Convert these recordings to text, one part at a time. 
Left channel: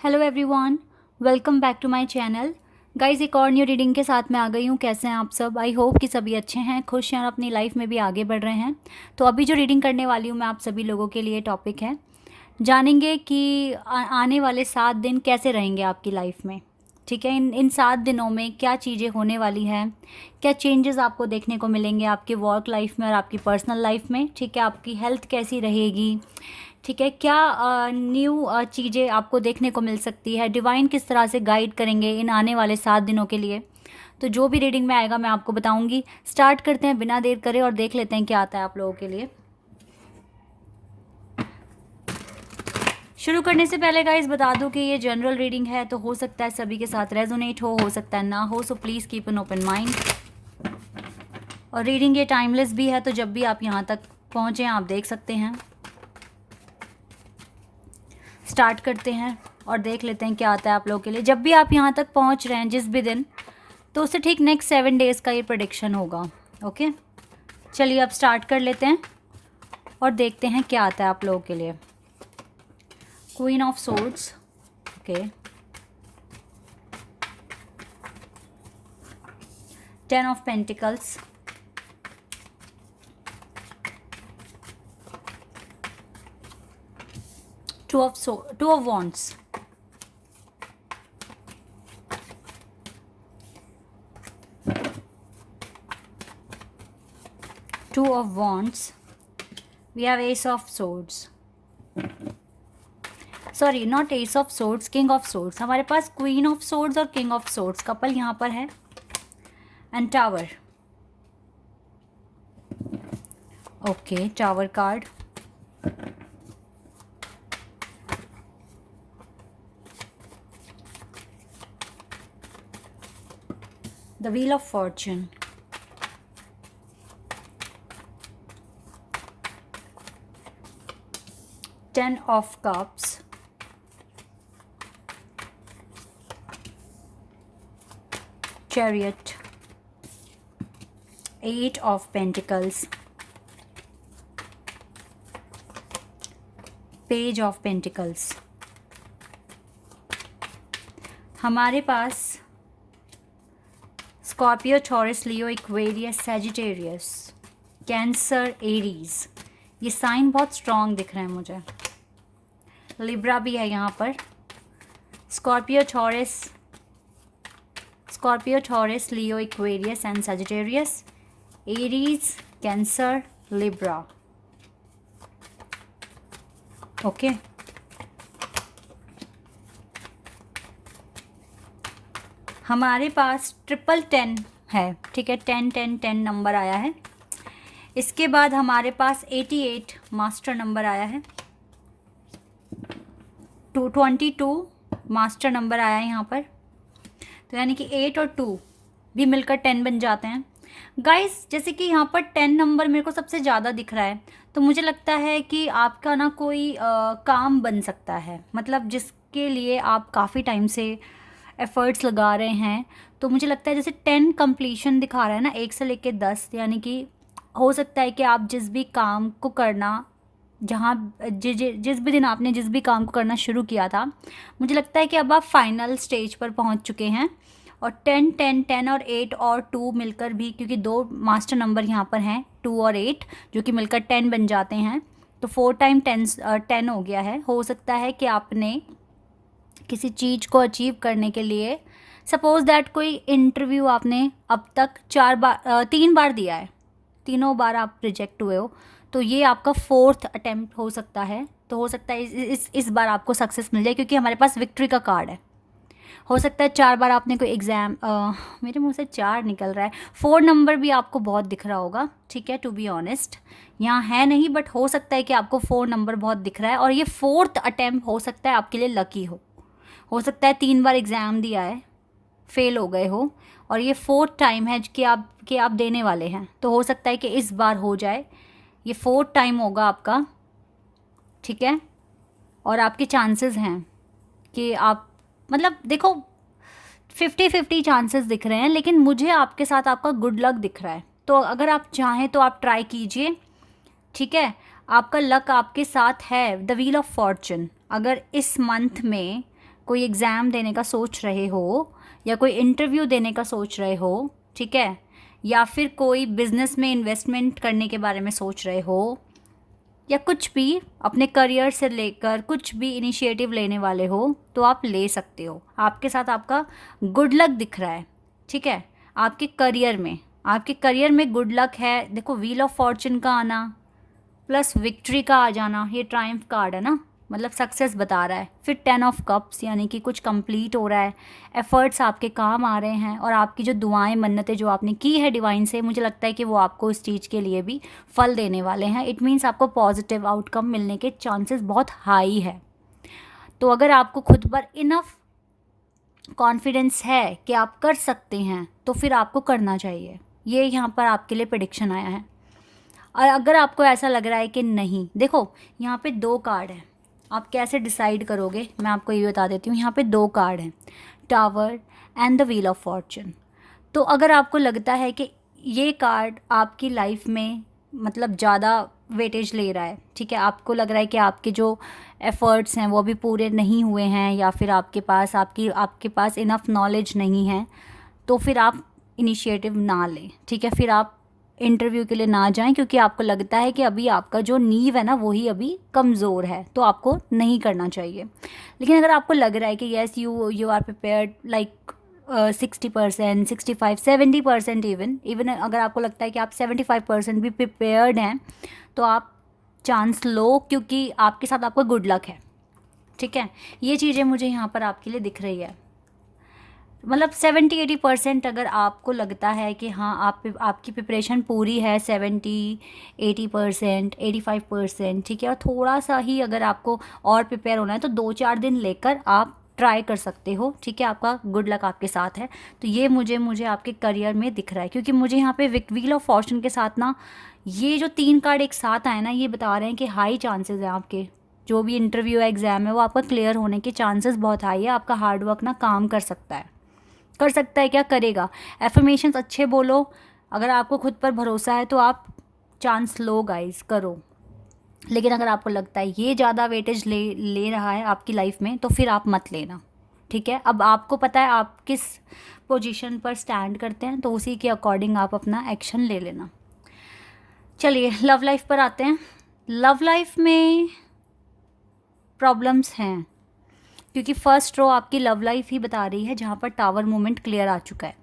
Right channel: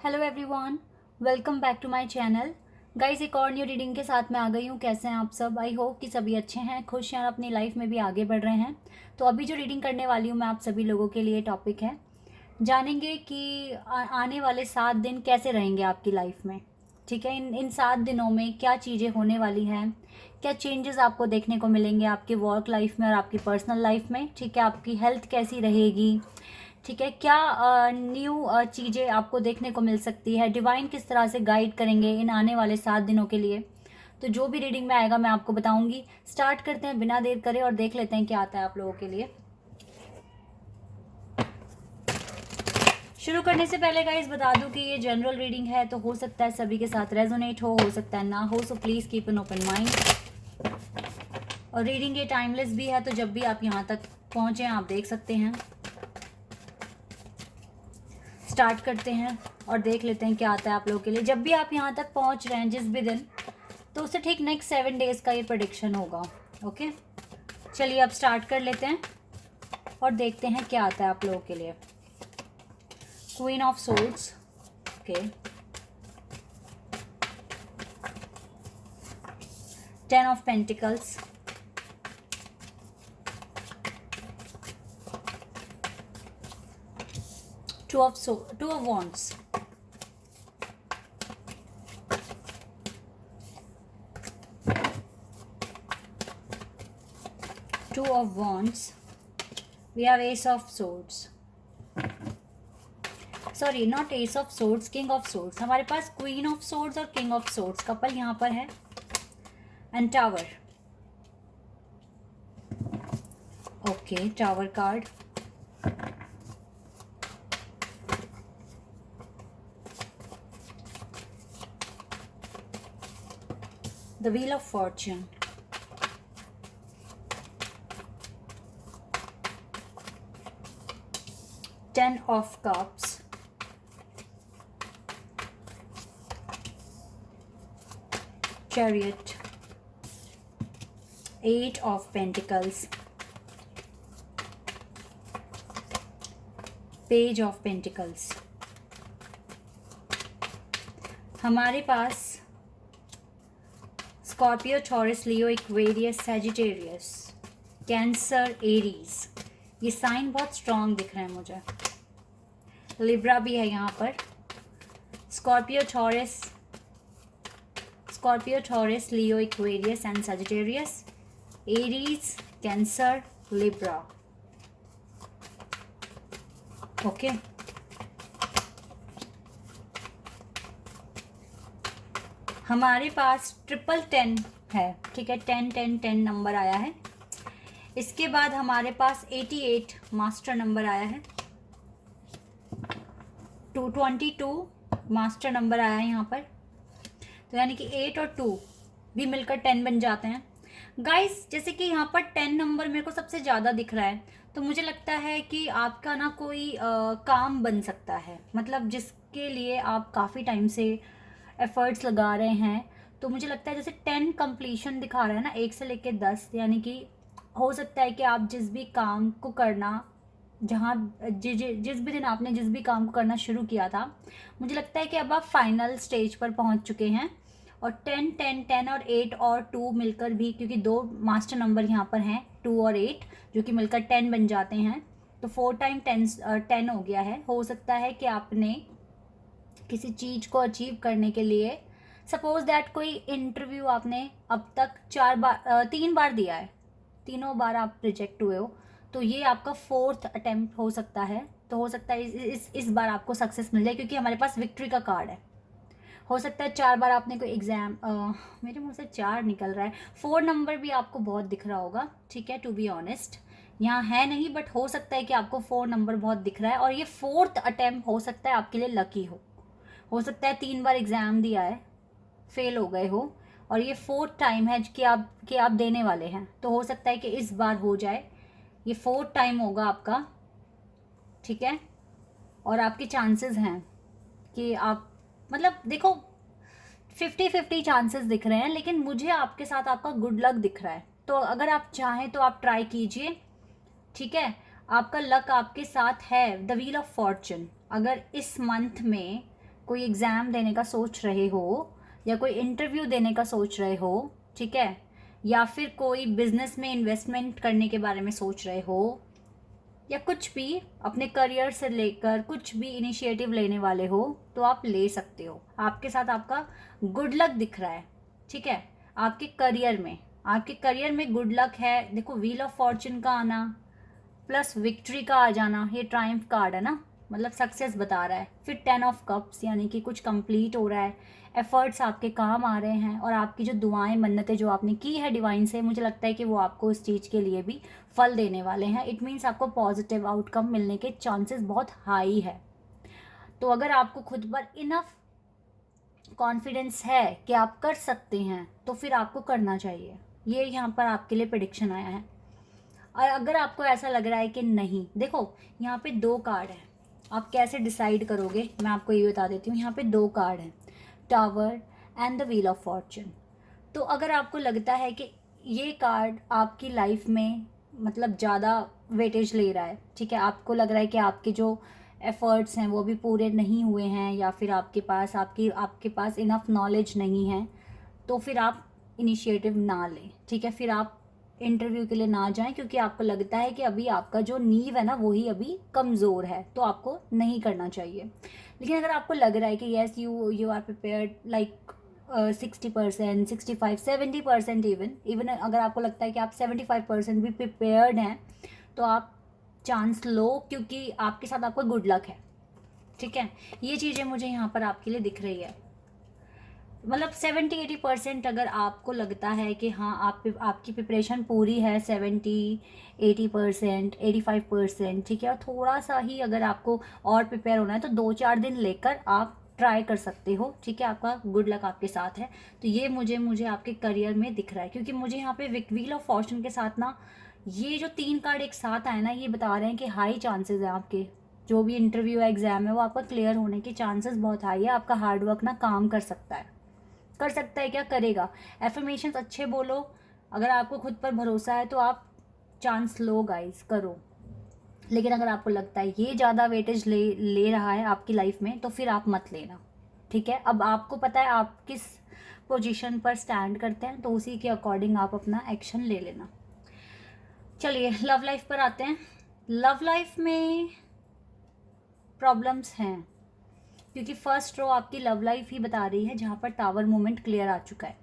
Hello everyone, welcome back to my channel. Guys, एक और new reading के साथ मैं आ गई हूँ। कैसे हैं आप सब? आई होप कि सभी अच्छे हैं, खुश हैं और अपनी लाइफ में भी आगे बढ़ रहे हैं। तो अभी जो रीडिंग करने वाली हूँ मैं आप सभी लोगों के लिए टॉपिक है, जानेंगे कि आने वाले 7 दिन कैसे रहेंगे आपकी लाइफ में। ठीक है, इन 7 दिनों में क्या चीज़ें होने वाली हैं, क्या चेंजेस आपको देखने को मिलेंगे आपकी वर्क लाइफ में और आपकी पर्सनल लाइफ में। ठीक है, आपकी हेल्थ कैसी रहेगी। ठीक है, क्या न्यू चीज़ें आपको देखने को मिल सकती है, डिवाइन किस तरह से गाइड करेंगे इन आने वाले 7 दिनों के लिए। तो जो भी रीडिंग में आएगा मैं आपको बताऊंगी। स्टार्ट करते हैं बिना देर करे और देख लेते हैं क्या आता है आप लोगों के लिए। शुरू करने से पहले गाइस बता दूं कि ये जनरल रीडिंग है, तो हो सकता है सभी के साथ रेजोनेट हो सकता है ना हो, so please keep an open mind. और रीडिंग ये टाइमलेस भी है, तो जब भी आप यहाँ तक पहुँचे आप देख सकते हैं। स्टार्ट करते हैं और देख लेते हैं क्या आता है आप लोगों के लिए। जब भी आप यहाँ तक पहुँच रहे हैं जिस भी दिन, तो उससे ठीक नेक्स्ट 7 डेज़ का ये प्रेडिक्शन होगा। ओके, चलिए अब स्टार्ट कर लेते हैं और देखते हैं क्या आता है आप लोगों के लिए। Queen of swords, okay, 10 of pentacles, two of wands, two of wands, we have ace of swords, sorry not ace of swords, king of swords. हमारे पास क्वीन ऑफ सोर्ड्स और किंग ऑफ सोर्ड्स कपल यहाँ पर है, and tower. Okay, tower card, the wheel of fortune, ten of cups, chariot, 8 of pentacles, page of pentacles। हमारे पास Scorpio, Taurus, Leo, Aquarius, Sagittarius, cancer, Aries, ये sign बहुत strong दिख रहे हैं मुझे। लिब्रा भी है यहाँ पर। Scorpio, Taurus, Leo, Aquarius and Sagittarius, Aries, cancer, Libra. Okay, हमारे पास 1010 है। ठीक है, 10 नंबर आया है। इसके बाद हमारे पास 88 मास्टर नंबर आया है, 222 मास्टर नंबर आया है यहाँ पर। तो यानी कि 8 और 2 भी मिलकर 10 बन जाते हैं। गाइस, जैसे कि यहाँ पर 10 नंबर मेरे को सबसे ज़्यादा दिख रहा है, तो मुझे लगता है कि आपका ना कोई काम बन सकता है, मतलब जिसके लिए आप काफ़ी टाइम से एफर्ट्स लगा रहे हैं। तो मुझे लगता है जैसे 10 कंप्लीशन दिखा रहा है ना, 1 से लेके 10, यानी कि हो सकता है कि आप जिस भी काम को करना, जहाँ जिस भी दिन आपने जिस भी काम को करना शुरू किया था, मुझे लगता है कि अब आप फाइनल स्टेज पर पहुँच चुके हैं। और 10 और 8 और 2 मिलकर भी, क्योंकि 2 मास्टर नंबर यहाँ पर हैं, 2 और 8, जो कि मिलकर 10 बन जाते हैं, तो 4 टाइम 10 हो गया है। हो सकता है कि आपने किसी चीज़ को अचीव करने के लिए, सपोज दैट कोई इंटरव्यू आपने अब तक 3 बार दिया है, तीनों बार आप रिजेक्ट हुए हो, तो ये आपका 4th अटेम्प्ट हो सकता है। तो हो सकता है इस बार आपको सक्सेस मिल जाए, क्योंकि हमारे पास विक्ट्री का कार्ड है। हो सकता है 4 बार आपने कोई एग्ज़ाम, मेरे मुंह से 4 निकल रहा है, 4 नंबर भी आपको बहुत दिख रहा होगा। ठीक है, टू बी ऑनेस्ट यहाँ है नहीं, बट हो सकता है कि आपको 4 नंबर बहुत दिख रहा है, और ये 4th अटेम्प्ट हो सकता है आपके लिए लकी हो सकता है 3 बार एग्ज़ाम दिया है, फेल हो गए हो, और ये 4th टाइम है कि आप देने वाले हैं। तो हो सकता है कि इस बार हो जाए, ये 4th टाइम होगा आपका। ठीक है, और आपके चांसेस हैं कि आप, मतलब देखो 50-50 चांसेस दिख रहे हैं, लेकिन मुझे आपके साथ आपका गुड लक दिख रहा है। तो अगर आप चाहें तो आप ट्राई कीजिए। ठीक है, आपका लक आपके साथ है। द व्हील ऑफ फॉर्चून, अगर इस मंथ में कोई एग्ज़ाम देने का सोच रहे हो या कोई इंटरव्यू देने का सोच रहे हो, ठीक है, या फिर कोई बिजनेस में इन्वेस्टमेंट करने के बारे में सोच रहे हो, या कुछ भी अपने करियर से लेकर कुछ भी इनिशिएटिव लेने वाले हो, तो आप ले सकते हो। आपके साथ आपका गुड लक दिख रहा है, ठीक है। आपके करियर में गुड लक है। देखो, व्हील ऑफ फॉर्चून का आना प्लस विक्ट्री का आ जाना, ये ट्रायम्फ कार्ड है ना, मतलब सक्सेस बता रहा है। फिर 10 ऑफ कप्स, यानी कि कुछ कंप्लीट हो रहा है, एफर्ट्स आपके काम आ रहे हैं, और आपकी जो दुआएं मन्नतें जो आपने की है डिवाइन से, मुझे लगता है कि वो आपको इस चीज़ के लिए भी फल देने वाले हैं। इट मीन्स आपको पॉजिटिव आउटकम मिलने के चांसेस बहुत हाई है। तो अगर आपको खुद पर इनफ कॉन्फिडेंस है कि आप कर सकते हैं, तो फिर आपको करना चाहिए। ये यहाँ पर आपके लिए प्रेडिक्शन आया है। और अगर आपको ऐसा लग रहा है कि नहीं, देखो यहाँ पे 2 कार्ड हैं, आप कैसे डिसाइड करोगे मैं आपको ये बता देती हूँ। यहाँ पे 2 कार्ड हैं, tower and the wheel of Fortune. तो अगर आपको लगता है कि ये कार्ड आपकी लाइफ में मतलब ज़्यादा वेटेज ले रहा है, ठीक है, आपको लग रहा है कि आपके जो एफ़र्ट्स हैं वो भी पूरे नहीं हुए हैं, या फिर आपके पास इनफ नॉलेज नहीं है, तो फिर आप इनिशिएटिव ना लें, ठीक है। फिर आप इंटरव्यू के लिए ना जाएं, क्योंकि आपको लगता है कि अभी आपका जो नींव है ना वही अभी कमज़ोर है, तो आपको नहीं करना चाहिए। लेकिन अगर आपको लग रहा है कि yes you are prepared like 60%, 65, 70% even अगर आपको लगता है कि आप 75% भी प्रिपेयर्ड हैं, तो आप चांस लो, क्योंकि आपके साथ आपका गुड लक है, ठीक है। ये चीज़ें मुझे यहाँ पर आपके लिए दिख रही है। मतलब 70-80% अगर आपको लगता है कि हाँ आपकी प्रिपरेशन पूरी है, 70-80%, 85%, ठीक है, और थोड़ा सा ही अगर आपको और प्रिपेयर होना है, तो 2-4 दिन लेकर आप ट्राई कर सकते हो, ठीक है। आपका गुड लक आपके साथ है। तो ये मुझे आपके करियर में दिख रहा है, क्योंकि मुझे यहाँ पे व्हील ऑफ फॉर्चून के साथ ना ये जो 3 कार्ड एक साथ आए ना, ये बता रहे हैं कि हाई चांसेस हैं आपके जो भी इंटरव्यू एग्ज़ाम है वो आपका क्लियर होने के चांसेस बहुत हाई है। आपका हार्डवर्क ना काम कर सकता है, क्या करेगा। एफर्मेशंस अच्छे बोलो, अगर आपको खुद पर भरोसा है तो आप चांस लो गाइस, करो। लेकिन अगर आपको लगता है ये ज़्यादा वेटेज ले रहा है आपकी लाइफ में, तो फिर आप मत लेना, ठीक है। अब आपको पता है आप किस पोजीशन पर स्टैंड करते हैं, तो उसी के अकॉर्डिंग आप अपना एक्शन ले लेना। चलिए लव लाइफ पर आते हैं। लव लाइफ में प्रॉब्लम्स हैं, क्योंकि फर्स्ट रो आपकी लव लाइफ ही बता रही है, जहाँ पर टावर मोमेंट क्लियर आ चुका है।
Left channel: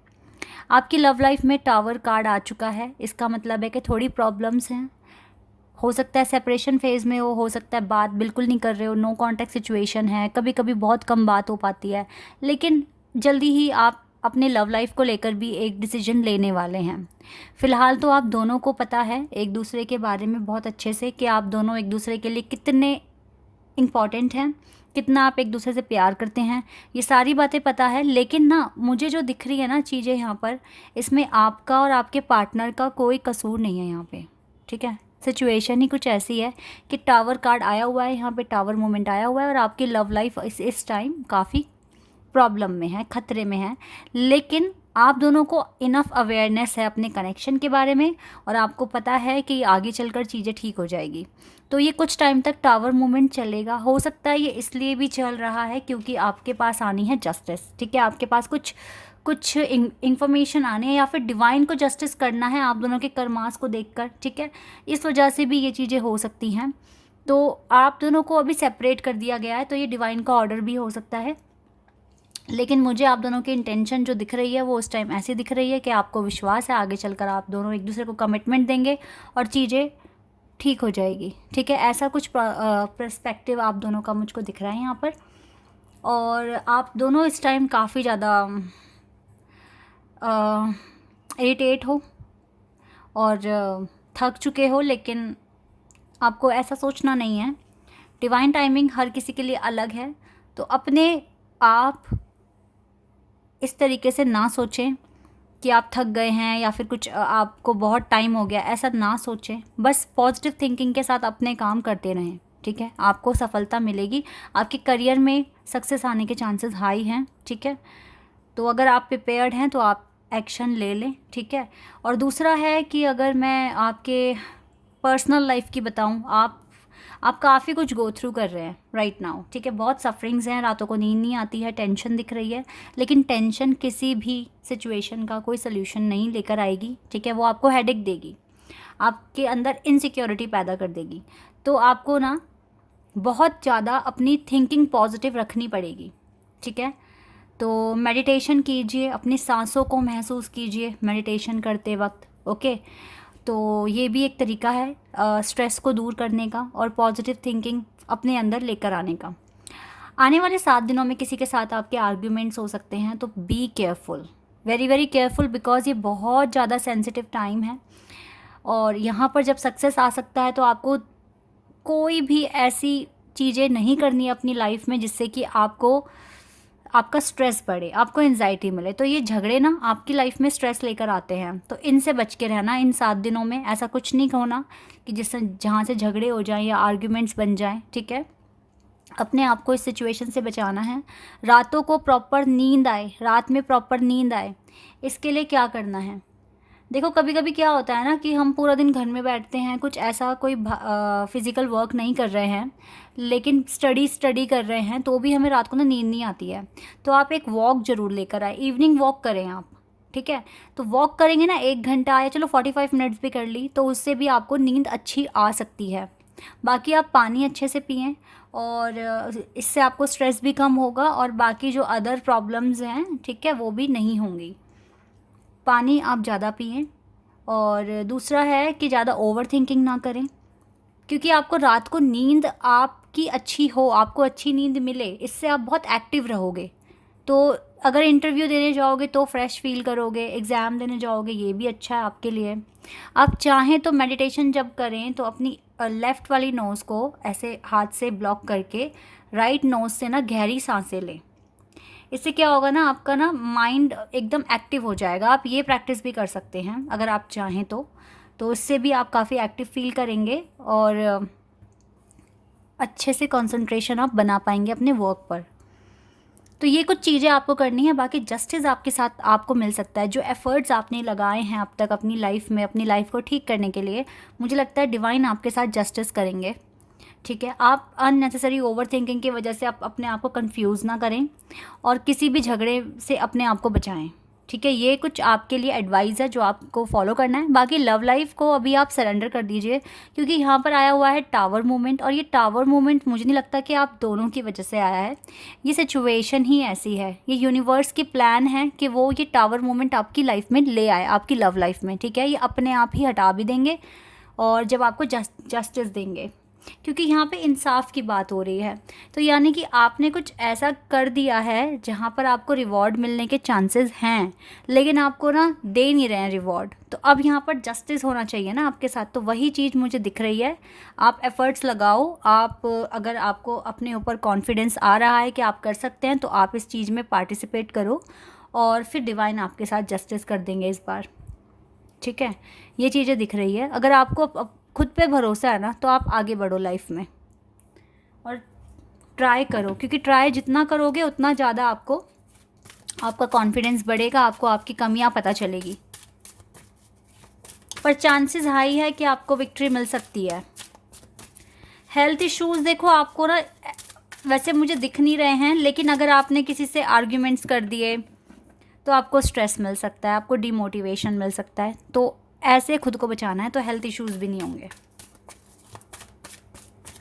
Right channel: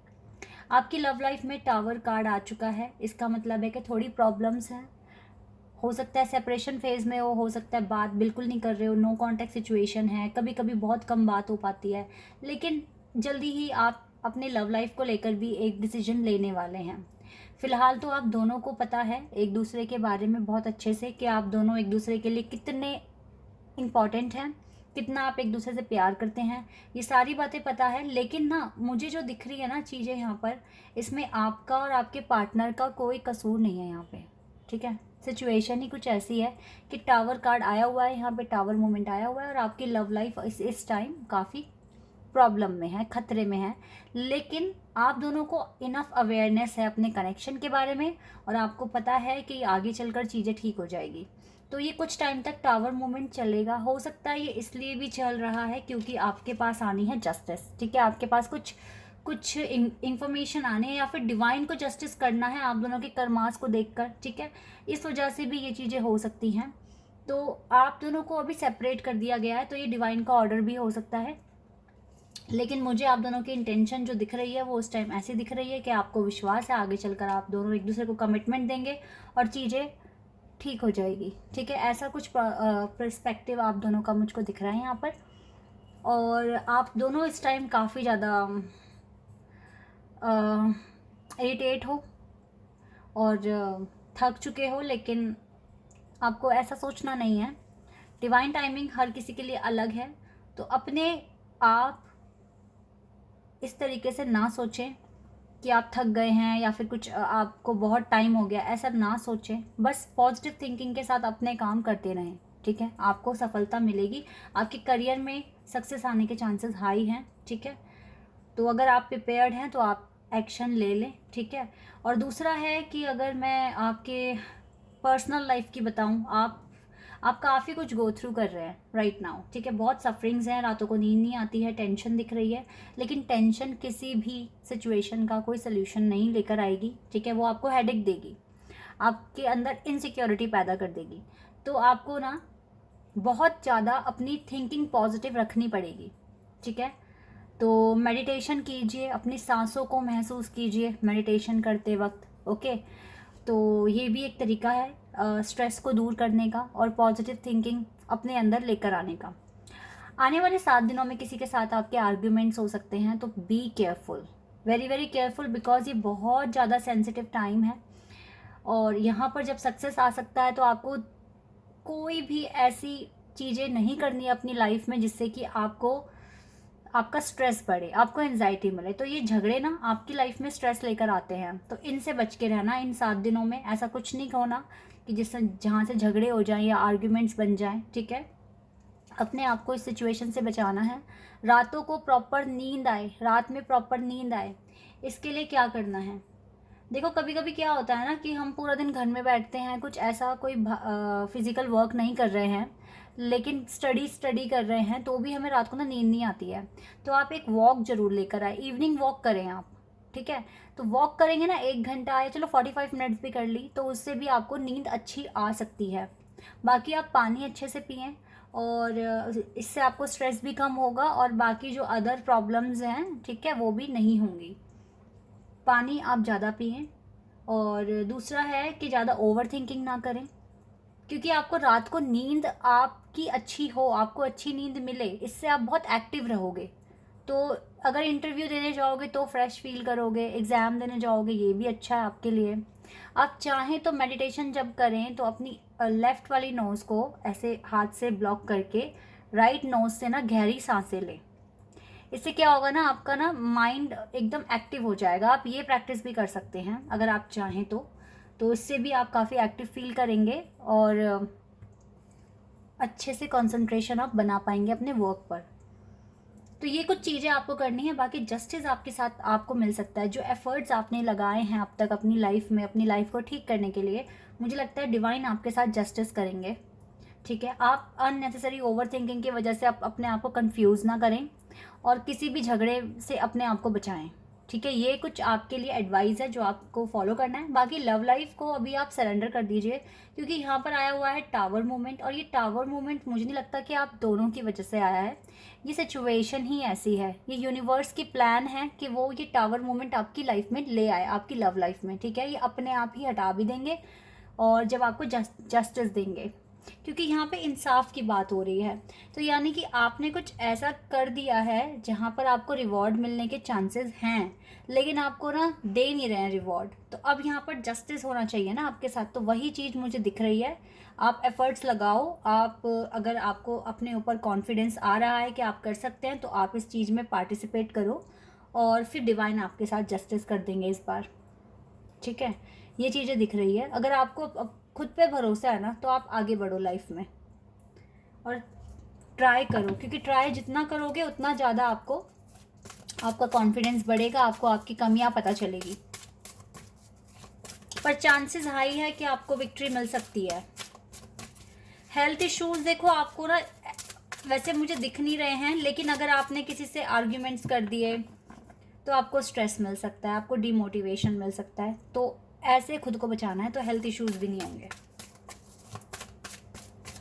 आपकी लव लाइफ में टावर कार्ड आ चुका है, इसका मतलब है कि थोड़ी प्रॉब्लम्स हैं। हो सकता है सेपरेशन फेज़ में हो सकता है बात बिल्कुल नहीं कर रहे हो, नो कॉन्टैक्ट सिचुएशन है, कभी कभी बहुत कम बात हो पाती है। लेकिन जल्दी ही आप अपने लव लाइफ को लेकर भी एक डिसीजन लेने वाले हैं। फ़िलहाल तो आप दोनों को पता है एक दूसरे के बारे में बहुत अच्छे से, कि आप दोनों एक दूसरे के लिए कितने इम्पॉर्टेंट हैं, कितना आप एक दूसरे से प्यार करते हैं, ये सारी बातें पता है। लेकिन ना मुझे जो दिख रही है ना चीज़ें यहाँ पर, इसमें आपका और आपके पार्टनर का कोई कसूर नहीं है यहाँ पे, ठीक है। सिचुएशन ही कुछ ऐसी है कि टावर कार्ड आया हुआ है, यहाँ पे टावर मोमेंट आया हुआ है, और आपकी लव लाइफ इस टाइम काफ़ी प्रॉब्लम में है, खतरे में है। लेकिन आप दोनों को इनफ अवेयरनेस है अपने कनेक्शन के बारे में, और आपको पता है कि आगे चलकर चीज़ें ठीक हो जाएगी। तो ये कुछ टाइम तक टावर मूवमेंट चलेगा। हो सकता है ये इसलिए भी चल रहा है क्योंकि आपके पास आनी है जस्टिस, ठीक है। आपके पास कुछ इंफॉर्मेशन आने हैं, या फिर डिवाइन को जस्टिस करना है आप दोनों के कर्मास को देखकर, ठीक है। इस वजह से भी ये चीज़ें हो सकती हैं। तो आप दोनों को अभी सेपरेट कर दिया गया है, तो ये डिवाइन का ऑर्डर भी हो सकता है। लेकिन मुझे आप दोनों की इंटेंशन जो दिख रही है वो उस टाइम ऐसी दिख रही है कि आपको विश्वास है आगे चलकर आप दोनों एक दूसरे को कमिटमेंट देंगे और चीज़ें ठीक हो जाएगी, ठीक है। ऐसा कुछ पर्सपेक्टिव आप दोनों का मुझको दिख रहा है यहाँ पर। और आप दोनों इस टाइम काफ़ी ज़्यादा इरिटेट हो और थक चुके हो, लेकिन आपको ऐसा सोचना नहीं है। डिवाइन टाइमिंग हर किसी के लिए अलग है, तो अपने आप इस तरीके से ना सोचें कि आप थक गए हैं या फिर कुछ आपको बहुत टाइम हो गया, ऐसा ना सोचें। बस पॉजिटिव थिंकिंग के साथ अपने काम करते रहें, ठीक है। आपको सफलता मिलेगी, आपके करियर में सक्सेस आने के चांसेस हाई हैं, ठीक है। तो अगर आप प्रिपेयर्ड हैं तो आप एक्शन ले लें, ठीक है। और दूसरा है कि अगर मैं आपके पर्सनल लाइफ की बताऊं, आप काफ़ी कुछ गो थ्रू कर रहे हैं राइट नाउ, ठीक है। बहुत सफरिंग्स हैं, रातों को नींद नहीं आती है, टेंशन दिख रही है, लेकिन टेंशन किसी भी सिचुएशन का कोई सोल्यूशन नहीं लेकर आएगी, ठीक है। वो आपको हेडेक देगी, आपके अंदर इनसिक्योरिटी पैदा कर देगी। तो आपको ना बहुत ज़्यादा अपनी थिंकिंग पॉजिटिव रखनी पड़ेगी, ठीक है। तो मेडिटेशन कीजिए, अपनी सांसों को महसूस कीजिए मेडिटेशन करते वक्त, ओके। तो ये भी एक तरीका है स्ट्रेस को दूर करने का और पॉजिटिव थिंकिंग अपने अंदर लेकर आने का। आने वाले 7 दिनों में किसी के साथ आपके आर्ग्यूमेंट्स हो सकते हैं, तो be careful, very very careful, because ये बहुत ज़्यादा सेंसिटिव टाइम है। और यहाँ पर जब सक्सेस आ सकता है तो आपको कोई भी ऐसी चीज़ें नहीं करनी है अपनी लाइफ में जिससे कि आपका स्ट्रेस बढ़े, आपको एंजाइटी मिले। तो ये झगड़े ना आपकी लाइफ में स्ट्रेस लेकर आते हैं, तो इनसे बच के रहना इन 7 दिनों में। ऐसा कुछ नहीं होना कि जिससे जहाँ से झगड़े हो जाएं या आर्ग्यूमेंट्स बन जाएं, ठीक है। अपने आप को इस सिचुएशन से बचाना है। रातों को प्रॉपर नींद आए, रात में प्रॉपर नींद आए, इसके लिए क्या करना है? देखो कभी कभी क्या होता है ना कि हम पूरा दिन घर में बैठते हैं, कुछ ऐसा कोई फिज़िकल वर्क नहीं कर रहे हैं, लेकिन स्टडी कर रहे हैं, तो भी हमें रात को ना नींद नहीं आती है। तो आप एक वॉक ज़रूर लेकर आए, इवनिंग वॉक करें आप, ठीक है। तो वॉक करेंगे ना 1 घंटा या चलो 45 मिनट्स भी कर ली, तो उससे भी आपको नींद अच्छी आ सकती है। बाकी आप पानी अच्छे से पिएं, और इससे आपको स्ट्रेस भी कम होगा और बाकी जो अदर प्रॉब्लम्स हैं, ठीक है, वो भी नहीं होंगी। पानी आप ज़्यादा पिएं। और दूसरा है कि ज़्यादा ओवर थिंकिंग ना करें, क्योंकि आपको रात को नींद आपकी अच्छी हो, आपको अच्छी नींद मिले, इससे आप बहुत एक्टिव रहोगे। तो अगर इंटरव्यू देने जाओगे तो फ्रेश फील करोगे, एग्ज़ाम देने जाओगे ये भी अच्छा है आपके लिए। आप चाहें तो मेडिटेशन जब करें तो अपनी लेफ़्ट वाली नोज़ को ऐसे हाथ से ब्लॉक करके राइट नोज़ से ना गहरी सांसें लें। इससे क्या होगा ना, आपका ना माइंड एकदम एक्टिव हो जाएगा। आप ये प्रैक्टिस भी कर सकते हैं अगर आप चाहें तो इससे भी आप काफ़ी एक्टिव फील करेंगे और अच्छे से कंसंट्रेशन आप बना पाएंगे अपने वर्क पर। तो ये कुछ चीज़ें आपको करनी है, बाकी जस्टिस आपके साथ आपको मिल सकता है। जो एफ़र्ट्स आपने लगाए हैं अब तक अपनी लाइफ में, अपनी लाइफ को ठीक करने के लिए, मुझे लगता है डिवाइन आपके साथ जस्टिस करेंगे, ठीक है। आप अननेसेसरी ओवर थिंकिंग की वजह से आप अपने आप को कंफ्यूज ना करें और किसी भी झगड़े से अपने आप को बचाएं, ठीक है। ये कुछ आपके लिए एडवाइस है जो आपको फॉलो करना है। बाकी लव लाइफ को अभी आप सरेंडर कर दीजिए, क्योंकि यहाँ पर आया हुआ है टावर मूवमेंट, और ये टावर मूवमेंट मुझे नहीं लगता कि आप दोनों की वजह से आया है। ये सिचुएशन ही ऐसी है, ये यूनिवर्स की प्लान है कि वो ये टावर मूवमेंट आपकी लाइफ में ले आए, आपकी लव लाइफ में, ठीक है। ये अपने आप ही हटा भी देंगे और जब आपको जस्टिस देंगे, क्योंकि यहाँ पे इंसाफ की बात हो रही है। तो यानी कि आपने कुछ ऐसा कर दिया है जहाँ पर आपको रिवॉर्ड मिलने के चांसेस हैं, लेकिन आपको ना दे नहीं रहे हैं रिवॉर्ड। तो अब यहाँ पर जस्टिस होना चाहिए ना आपके साथ, तो वही चीज़ मुझे दिख रही है। आप एफ़र्ट्स लगाओ, आप अगर आपको अपने ऊपर कॉन्फिडेंस आ रहा है कि आप कर सकते हैं, तो आप इस चीज़ में पार्टिसिपेट करो और फिर डिवाइन आपके साथ जस्टिस कर देंगे इस बार, ठीक है। ये चीज़ें दिख रही है। अगर आपको खुद पे भरोसा है ना, तो आप आगे बढ़ो लाइफ में और ट्राई करो, क्योंकि ट्राई जितना करोगे उतना ज़्यादा आपका कॉन्फिडेंस बढ़ेगा, आपको आपकी कमियां पता चलेगी। पर चांसेस हाई है कि आपको विक्ट्री मिल सकती है। हेल्थ इश्यूज़ देखो आपको ना वैसे मुझे दिख नहीं रहे हैं, लेकिन अगर आपने किसी से आर्ग्यूमेंट्स कर दिए तो आपको स्ट्रेस मिल सकता है, आपको डिमोटिवेशन मिल सकता है। तो ऐसे खुद को बचाना है तो हेल्थ इश्यूज़ भी नहीं होंगे।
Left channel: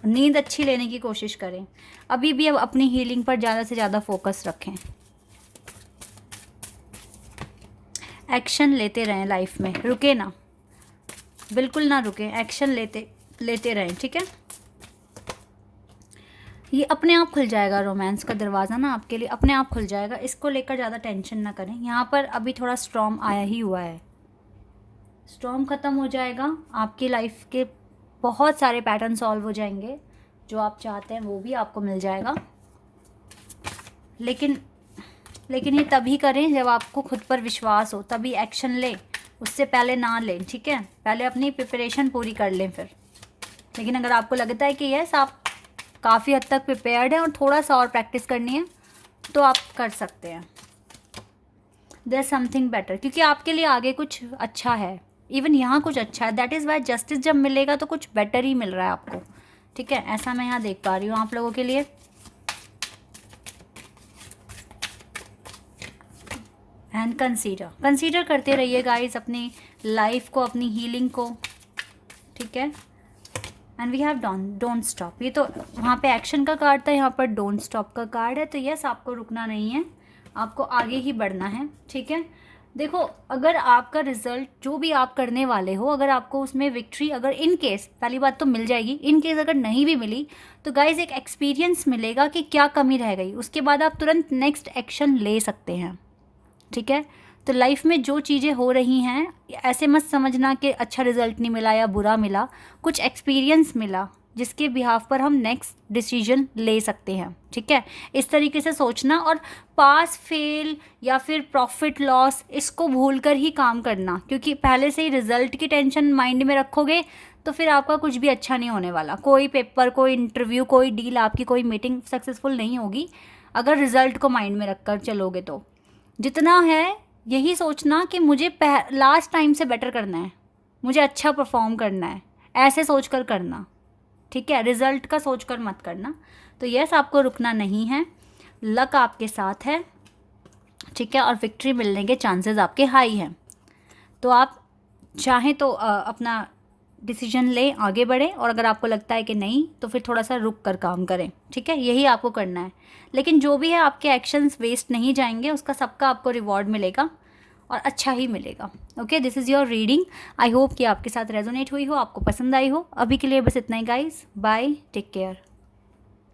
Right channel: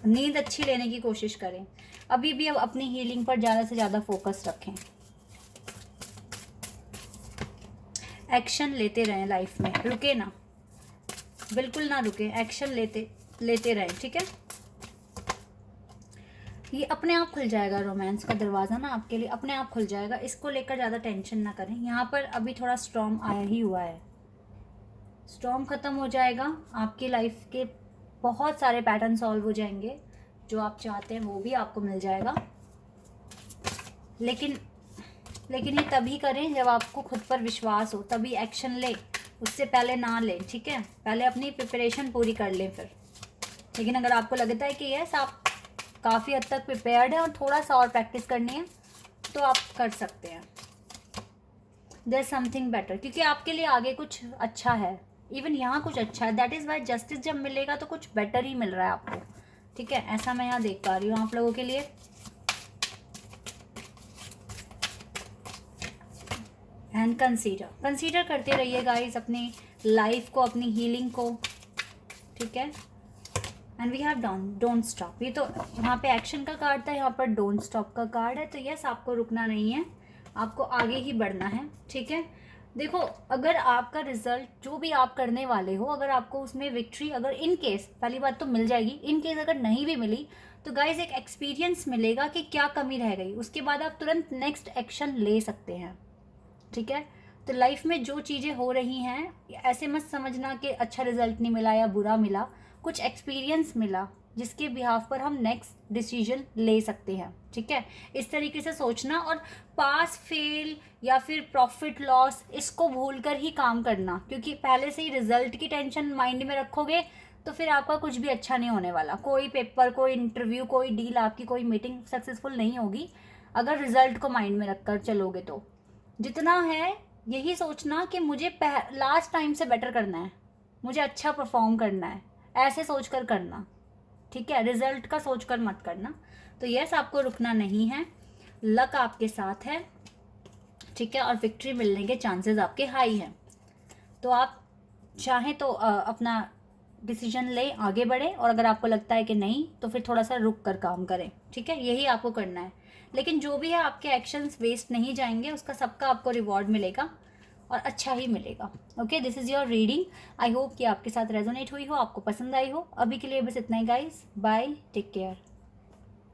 नींद अच्छी लेने की कोशिश करें। अभी भी अब अपनी हीलिंग पर ज़्यादा से ज़्यादा फोकस रखें। एक्शन लेते रहें लाइफ में, रुके ना, बिल्कुल ना रुके, एक्शन लेते रहें, ठीक है। ये अपने आप खुल जाएगा, रोमांस का दरवाज़ा ना आपके लिए अपने आप खुल जाएगा। इसको लेकर ज़्यादा टेंशन ना करें। यहाँ पर अभी थोड़ा स्टॉर्म आया ही हुआ है, स्टॉर्म ख़त्म हो जाएगा, आपकी लाइफ के बहुत सारे पैटर्न सॉल्व हो जाएंगे, जो आप चाहते हैं वो भी आपको मिल जाएगा। लेकिन ये तभी करें जब आपको खुद पर विश्वास हो, तभी एक्शन लें, उससे पहले ना लें, ठीक है। पहले अपनी प्रिपरेशन पूरी कर लें फिर। लेकिन अगर आपको लगता है कि यस आप काफ़ी हद तक प्रिपेयर्ड हैं और थोड़ा सा और प्रैक्टिस करनी है, तो आप कर सकते हैं। देयर समथिंग बेटर, क्योंकि आपके लिए आगे कुछ अच्छा है, इवन यहाँ कुछ अच्छा है। दैट इज़ वाई जस्टिस जब मिलेगा तो कुछ बेटर ही मिल रहा है आपको, ठीक है, ऐसा मैं यहाँ देख पा रही हूँ आप लोगों के लिए। एंड कंसीडर करते रहिए गाइस अपनी लाइफ को, अपनी हीलिंग को, ठीक है। And we have don't stop. ये तो वहाँ पे एक्शन का कार्ड था, यहाँ पर डोंट स्टॉप का कार्ड है। तो यस, आपको रुकना नहीं है, आपको आगे ही बढ़ना है, ठीक है। देखो, अगर आपका रिजल्ट जो भी आप करने वाले हो, अगर आपको उसमें विक्ट्री, अगर इन केस, पहली बात तो मिल जाएगी, इन केस अगर नहीं भी मिली तो गाइज एक एक्सपीरियंस मिलेगा कि क्या कमी रह गई, उसके बाद आप तुरंत नेक्स्ट एक्शन ले सकते हैं, ठीक है। तो लाइफ में जो चीज़ें हो रही हैं, ऐसे मत समझना कि अच्छा रिजल्ट नहीं मिला या बुरा मिला, कुछ एक्सपीरियंस मिला जिसके बिहाफ पर हम नेक्स्ट डिसीजन ले सकते हैं, ठीक है। इस तरीके से सोचना, और पास फेल या फिर प्रॉफिट लॉस इसको भूल कर ही काम करना, क्योंकि पहले से ही रिजल्ट की टेंशन माइंड में रखोगे तो फिर आपका कुछ भी अच्छा नहीं होने वाला। कोई पेपर, कोई इंटरव्यू, कोई डील, आपकी कोई मीटिंग सक्सेसफुल नहीं होगी अगर रिजल्ट को माइंड में रख कर चलोगे। तो जितना है यही सोचना कि मुझे लास्ट टाइम से बेटर करना है, मुझे अच्छा परफॉर्म करना है, ऐसे सोच कर करना, ठीक है। रिजल्ट का सोच कर मत करना। तो यस, आपको रुकना नहीं है, लक आपके साथ है, ठीक है, और विक्ट्री मिलने के चांसेस आपके हाई हैं। तो आप चाहें तो अपना डिसीजन लें, आगे बढ़ें, और अगर आपको लगता है कि नहीं तो फिर थोड़ा सा रुक कर काम करें, ठीक है। यही आपको करना है। लेकिन जो भी है, आपके एक्शंस वेस्ट नहीं जाएंगे, उसका सबका आपको रिवॉर्ड मिलेगा और अच्छा ही मिलेगा। Okay, this is your reading. I hope कि आपके साथ रेजोनेट हुई हो, आपको पसंद आई हो। अभी के लिए बस इतना ही गाइस, बाय, टेक केयर।